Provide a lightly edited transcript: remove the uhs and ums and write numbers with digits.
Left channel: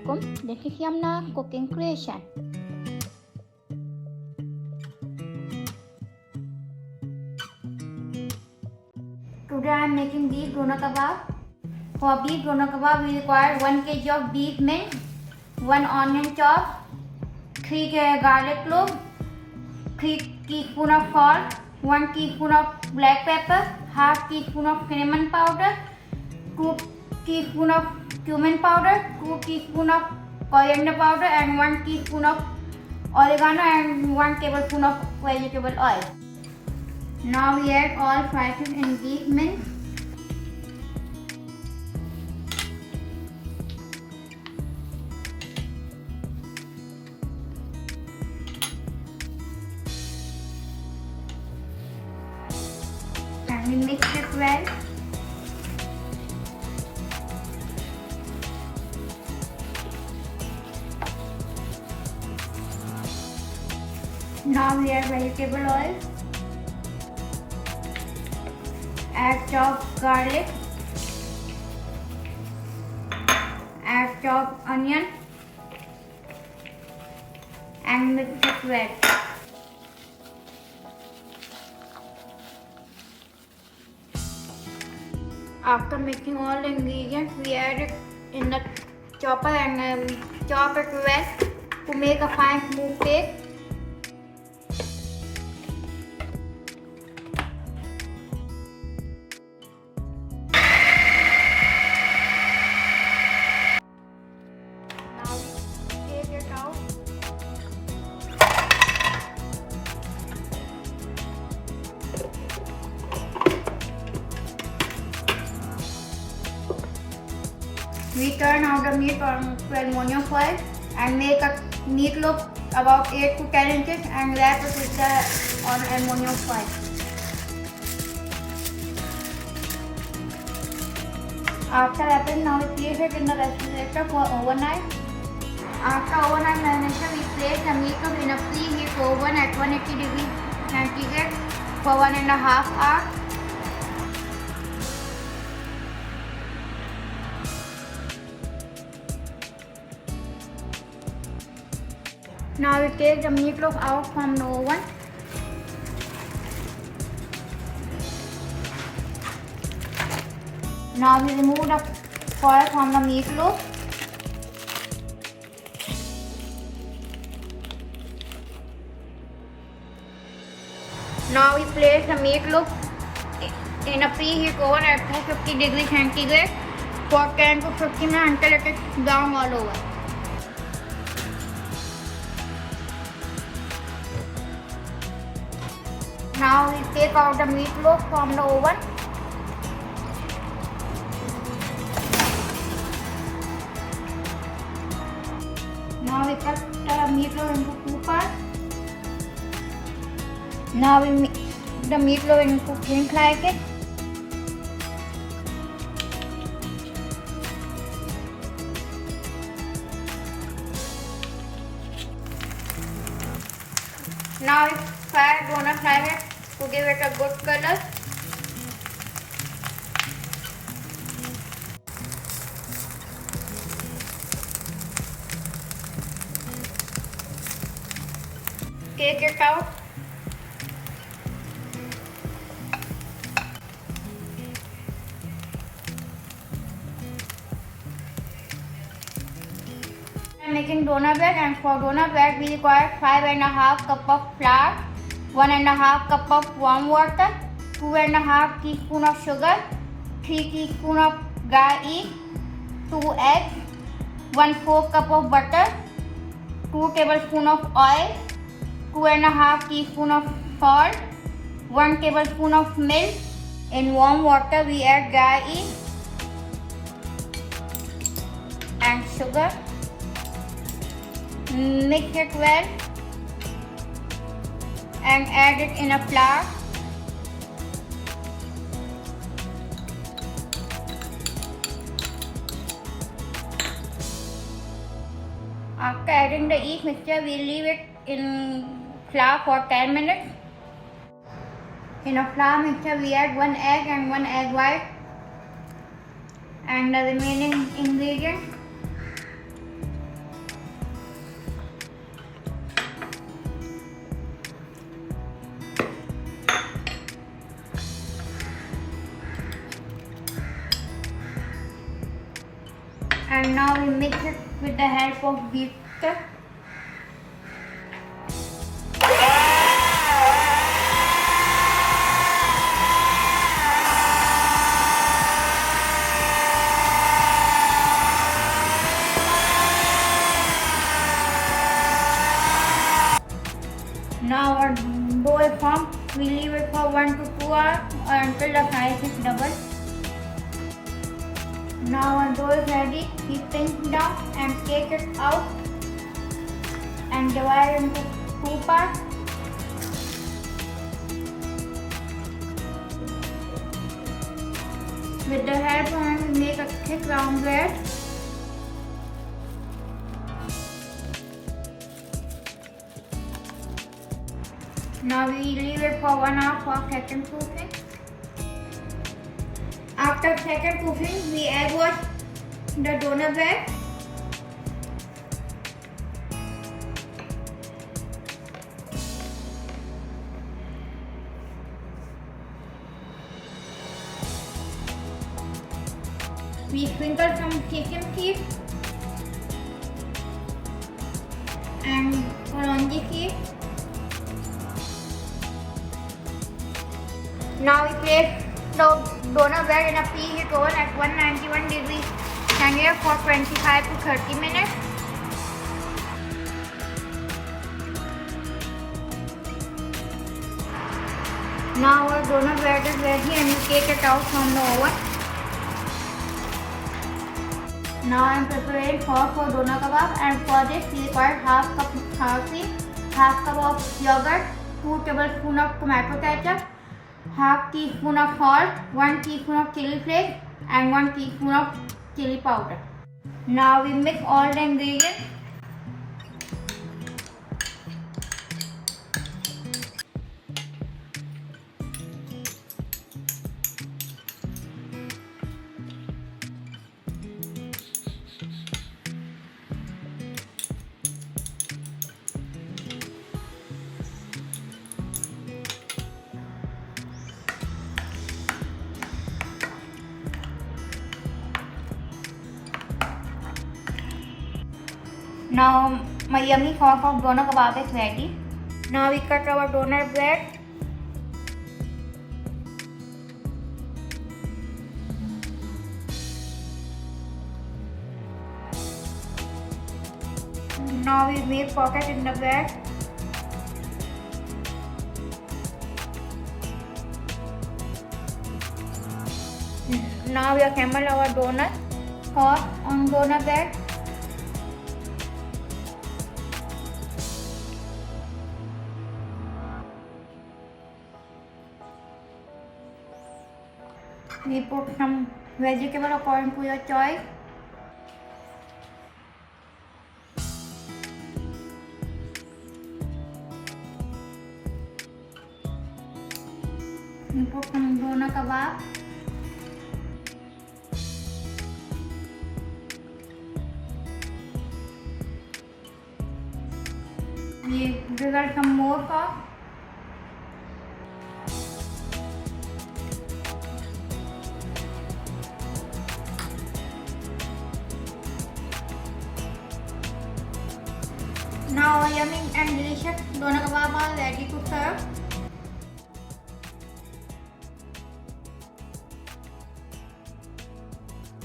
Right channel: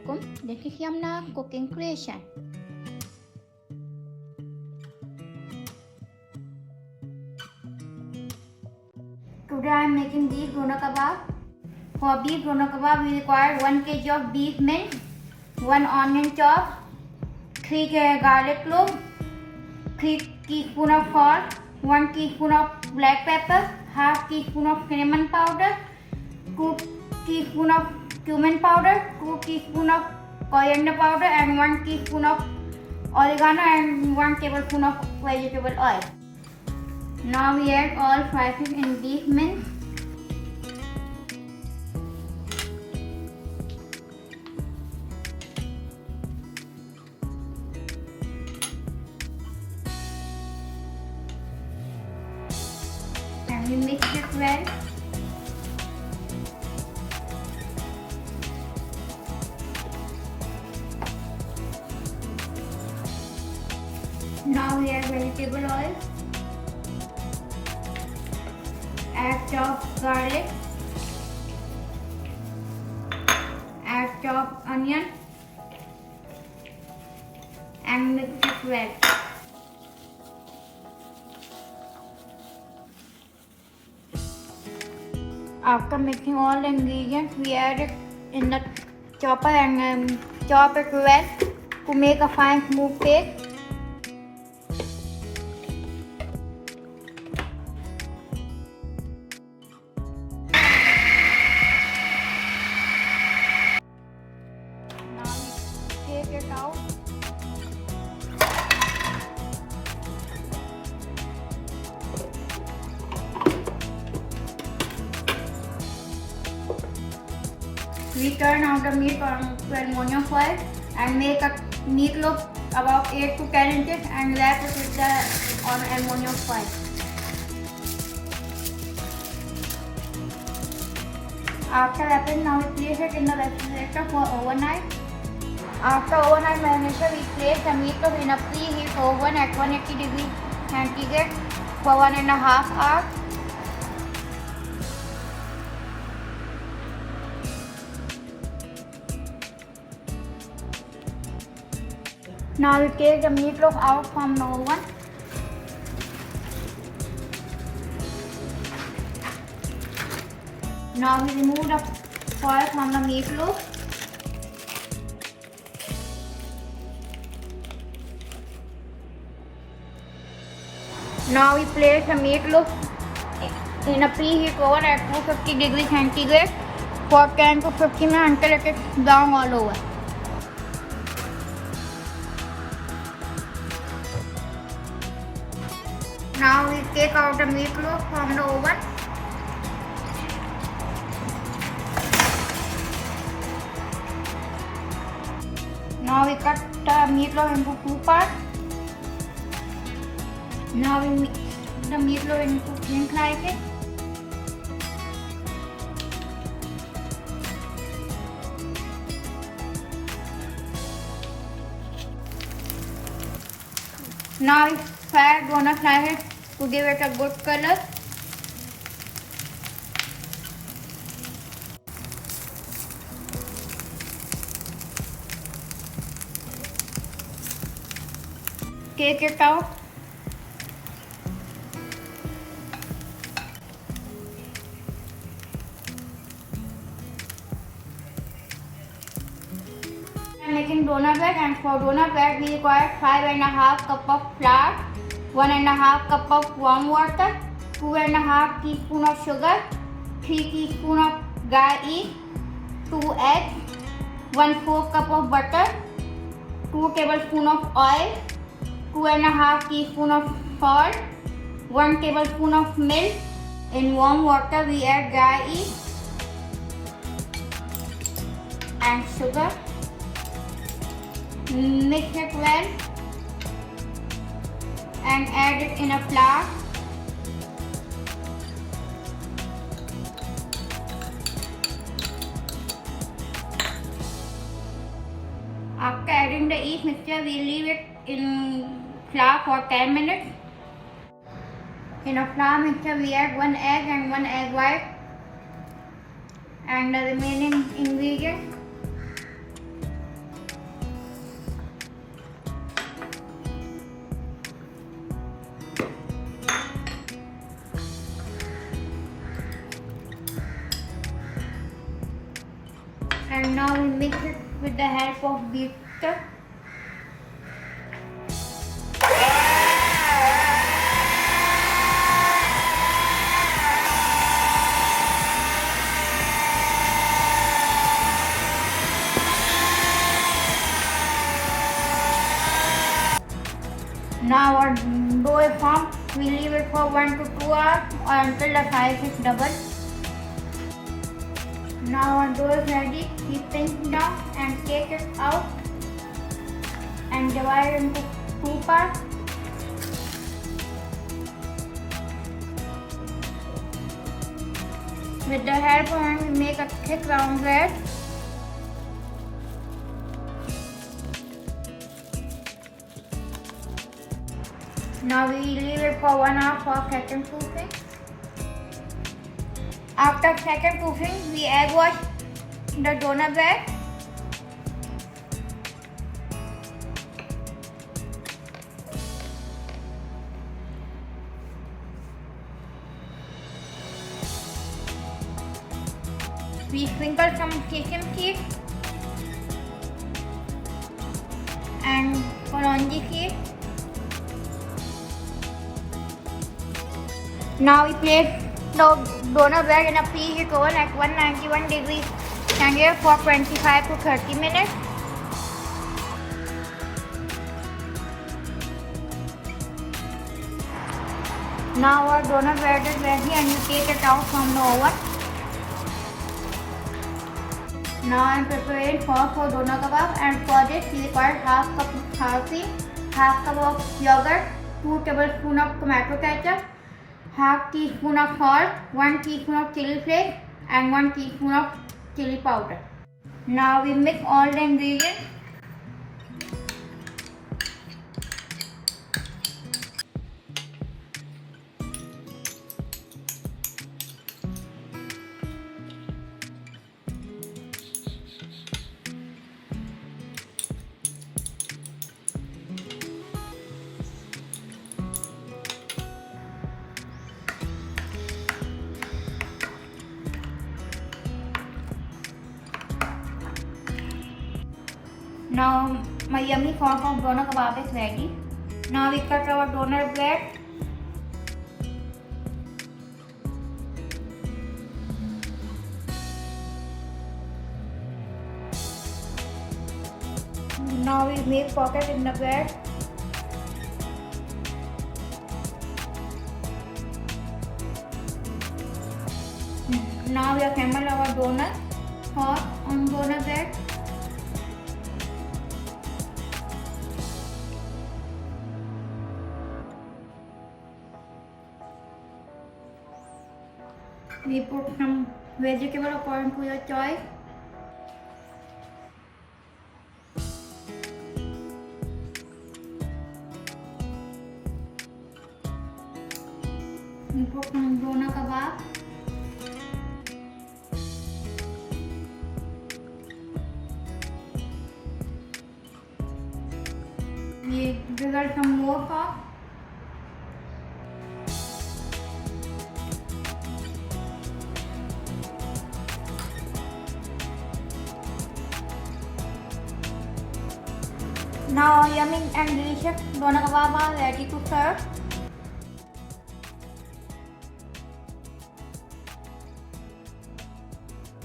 Assalamualaikum. This is Yumna Cooking Creation. Today I am making beef doner kebab. For beef doner kebab we require 1 kg of beef minced, 1 onion chopped, 3 garlic cloves, 3 teaspoon of salt, 1 teaspoon of black pepper, half teaspoon of cinnamon powder, 2 teaspoon of cumin powder, 2 teaspoon of coriander powder and 1 teaspoon of oregano and 1 tablespoon of vegetable oil. Now we add all spices in beef mince. And we mix it well. Now we add vegetable oil, add chopped garlic, add chopped onion and mix it well. After mixing all the ingredients, we add it in the chopper and chop it well to make a fine smooth paste. We turn out the meat on to aluminum foil and make a meatloaf about 8 to 10 inches and wrap it with the on aluminum foil. After wrapping, now we place it in the refrigerator for overnight. After overnight marination, we place the meatloaf in a preheat oven at 180 degrees centigrade for 1.5 hours. Now we take the meatloaf out from the oven. Now we remove the foil from the meatloaf. Now we place the meatloaf in a preheat oven at 250 degrees centigrade for 10 to 15 minutes until it is brown all over. Now we take out the meatloaf from the oven. Now we cut the meatloaf into 2 parts. Now we mix the meatloaf into thin slices. Now we fry doner slices to give it a good color. Take it out. I am making doner bread, and for doner bread we require 5.5 cup of flour, 1.5 cup of warm water, 2.5 teaspoon of sugar, 3 teaspoon of dry yeast, 2 eggs, 1/4 cup of butter, 2 tablespoon of oil, 2.5 teaspoon of salt, 1 tablespoon of milk. In warm water we add dry yeast and sugar. Mix it well and add it in a flour. After adding the yeast mixture, we leave it in flour for 10 minutes. In a flour mixture, we add 1 egg and 1 egg white and the remaining ingredients. Now we mix it with the help of whisker. Now our dough is formed. We leave it for 1 to 2 hours or until the size is double. Now our dough is ready. We pinch down and take it out and divide it into 2 parts. With the help of hand, we make a thick round bread. Now we leave it for 1 hour for second proofing. After second proofing, we egg wash the doner bread. We sprinkle some sesame seeds and orange seeds. Now we place the doner bread in a preheat oven at 191 degrees Celsius for 25 to 30 minutes. Now our doner bread is ready and we take it out from the oven. Now I am preparing sauce for doner kebab, and for this we require half cup of sour cream, half cup of yogurt, 2 tablespoons of tomato ketchup, half teaspoon of salt, 1 teaspoon of chili flakes and 1 teaspoon of chili powder. Now we mix all the ingredients. Now my yummy sauce of doner kebab is ready. Now we cut our doner bread. Now we make pocket in the bread. Now we assemble our donut sauce on doner bread. We put some vegetable according to your choice. We put some doner kebab. We drizzle some more sauce. Now yummy and delicious doner kebab are ready to serve.